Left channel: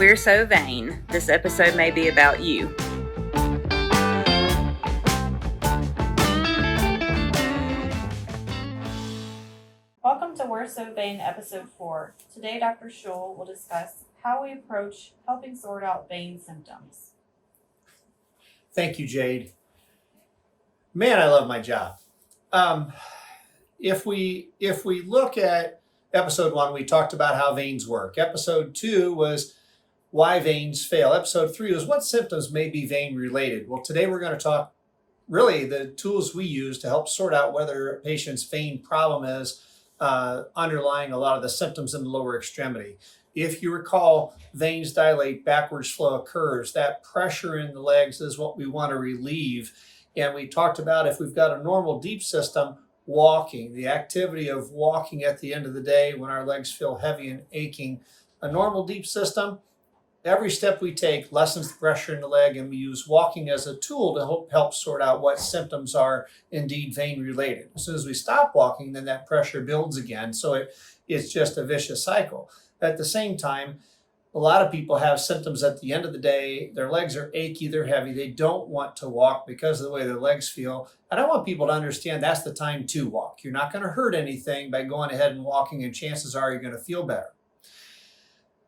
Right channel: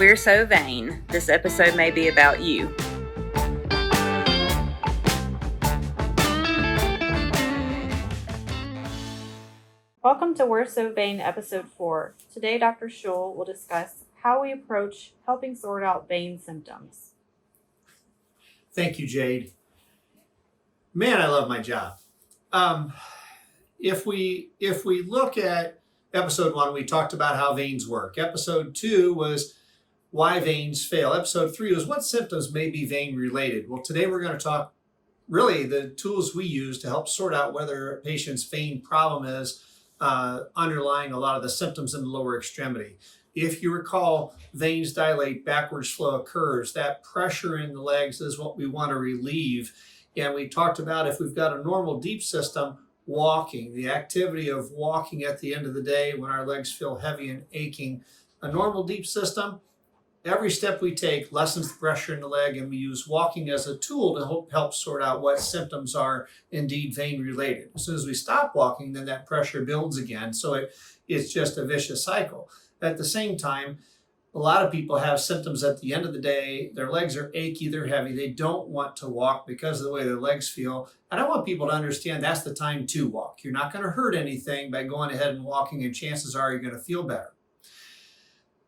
We're so vain. This episode may be about you. Welcome to We're So Vain, Episode 4. Today, Dr. Schull will discuss how we approach helping sort out vein symptoms. Thank you, Jade. Man, I love my job. If we look at Episode 1, we talked about how veins work. Episode 2 was why veins fail. Episode 3 was what symptoms may be vein related. Well, today we're going to talk really the tools we use to help sort out whether a patient's vein problem is underlying a lot of the symptoms in the lower extremity. If you recall, veins dilate, backwards flow occurs. That pressure in the legs is what we want to relieve. And we talked about if we've got a normal deep system, walking, the activity of walking at the end of the day when our legs feel heavy and aching. A normal deep system, every step we take lessens the pressure in the leg, and we use walking as a tool to help sort out what symptoms are indeed vein related. As soon as we stop walking, then that pressure builds again. So it's just a vicious cycle. At the same time, a lot of people have symptoms at the end of the day. Their legs are achy, they're heavy. They don't want to walk because of the way their legs feel. And I want people to understand that's the time to walk. You're not going to hurt anything by going ahead and walking, and chances are you're going to feel better.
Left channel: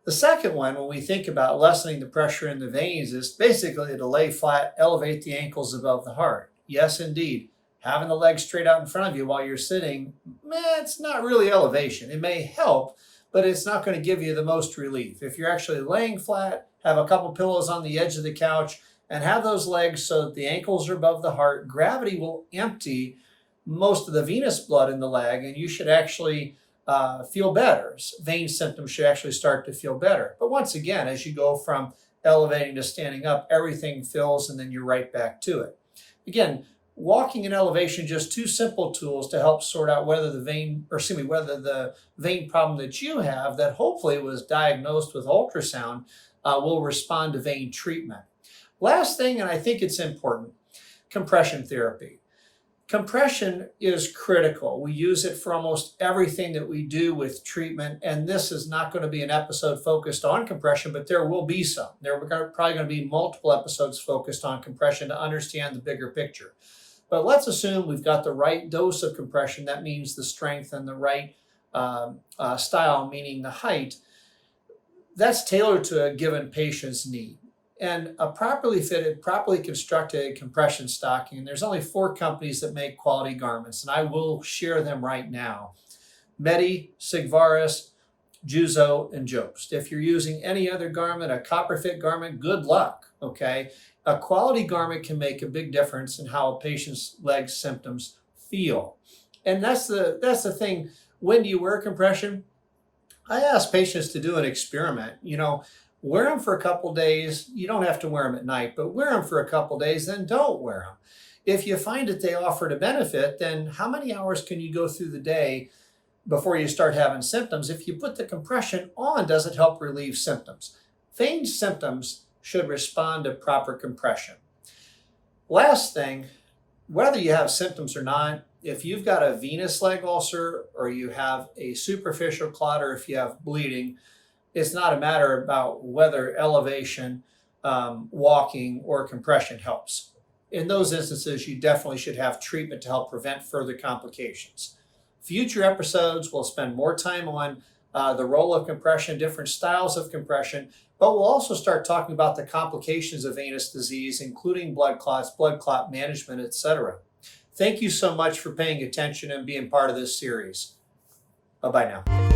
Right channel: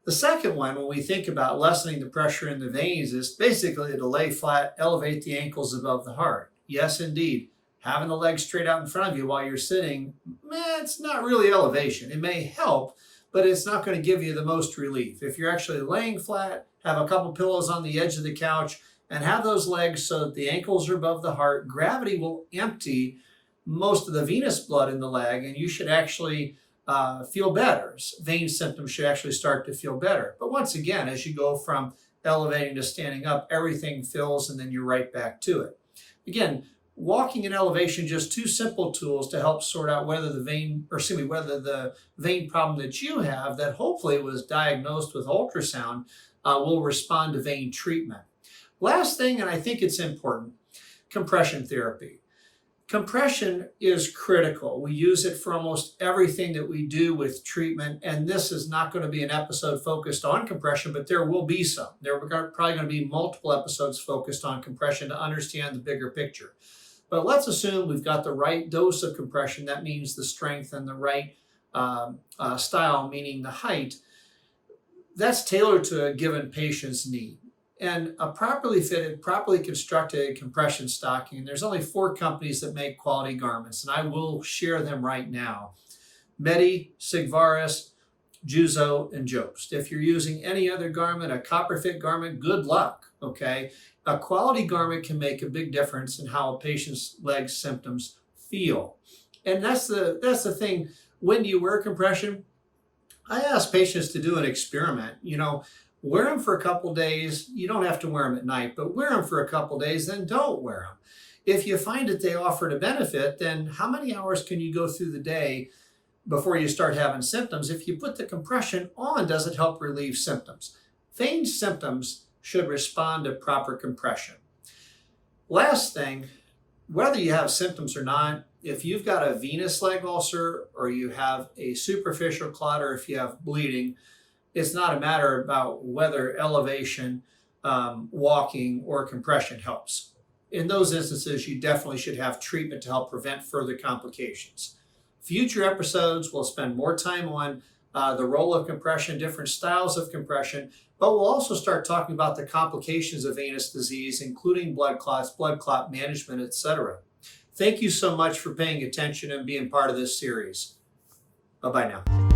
The second one, when we think about lessening the pressure in the veins, is basically to lay flat, elevate the ankles above the heart. Yes, indeed. Having the legs straight out in front of you while you're sitting, it's not really elevation. It may help, but it's not going to give you the most relief. If you're actually laying flat, have a couple pillows on the edge of the couch, and have those legs so that the ankles are above the heart, gravity will empty most of the venous blood in the leg, and you should actually feel better. Vein symptoms should actually start to feel better. But once again, as you go from elevating to standing up, everything fills, and then you're right back to it. Again, walking and elevation, just two simple tools to help sort out whether the vein problem that you have, that hopefully was diagnosed with ultrasound, will respond to vein treatment. Last thing, and I think it's important, compression therapy. Compression is critical. We use it for almost everything that we do with treatment, and this is not going to be an episode focused on compression, but there will be some. There are probably going to be multiple episodes focused on compression to understand the bigger picture. But let's assume we've got the right dose of compression. That means the strength and the right style, meaning the height. That's tailored to a given patient's need. And a properly fitted, properly constructed compression stocking, and there's only 4 companies that make quality garments, and I will share them right now. Medi, Sigvaris, Juzo, and Jobst. If you're using any other garment, a copper fit garment, good luck, okay? A quality garment can make a big difference in how a patient's leg symptoms feel. And that's the thing. When do you wear compression? I ask patients to do an experiment. Wear them for a couple days. You don't have to wear them at night, but wear them for a couple days, then don't wear them. If you find that they offer a benefit, then how many hours can you go through the day before you start having symptoms? If you put the compression on, does it help relieve symptoms? Vein symptoms should respond to proper compression. Last thing, whether you have symptoms or not, if you've got a venous leg ulcer or you have a superficial clot or if you have bleeding, it's not a matter about whether elevation, walking, or compression helps. In those instances, you definitely should have treatment to help prevent further complications. Future episodes will spend more time on the role of compression, different styles of compression, but we'll also start talking about the complications of venous disease, including blood clots, blood clot management, etc. Thank you so much for paying attention and being part of this series. Bye-bye now.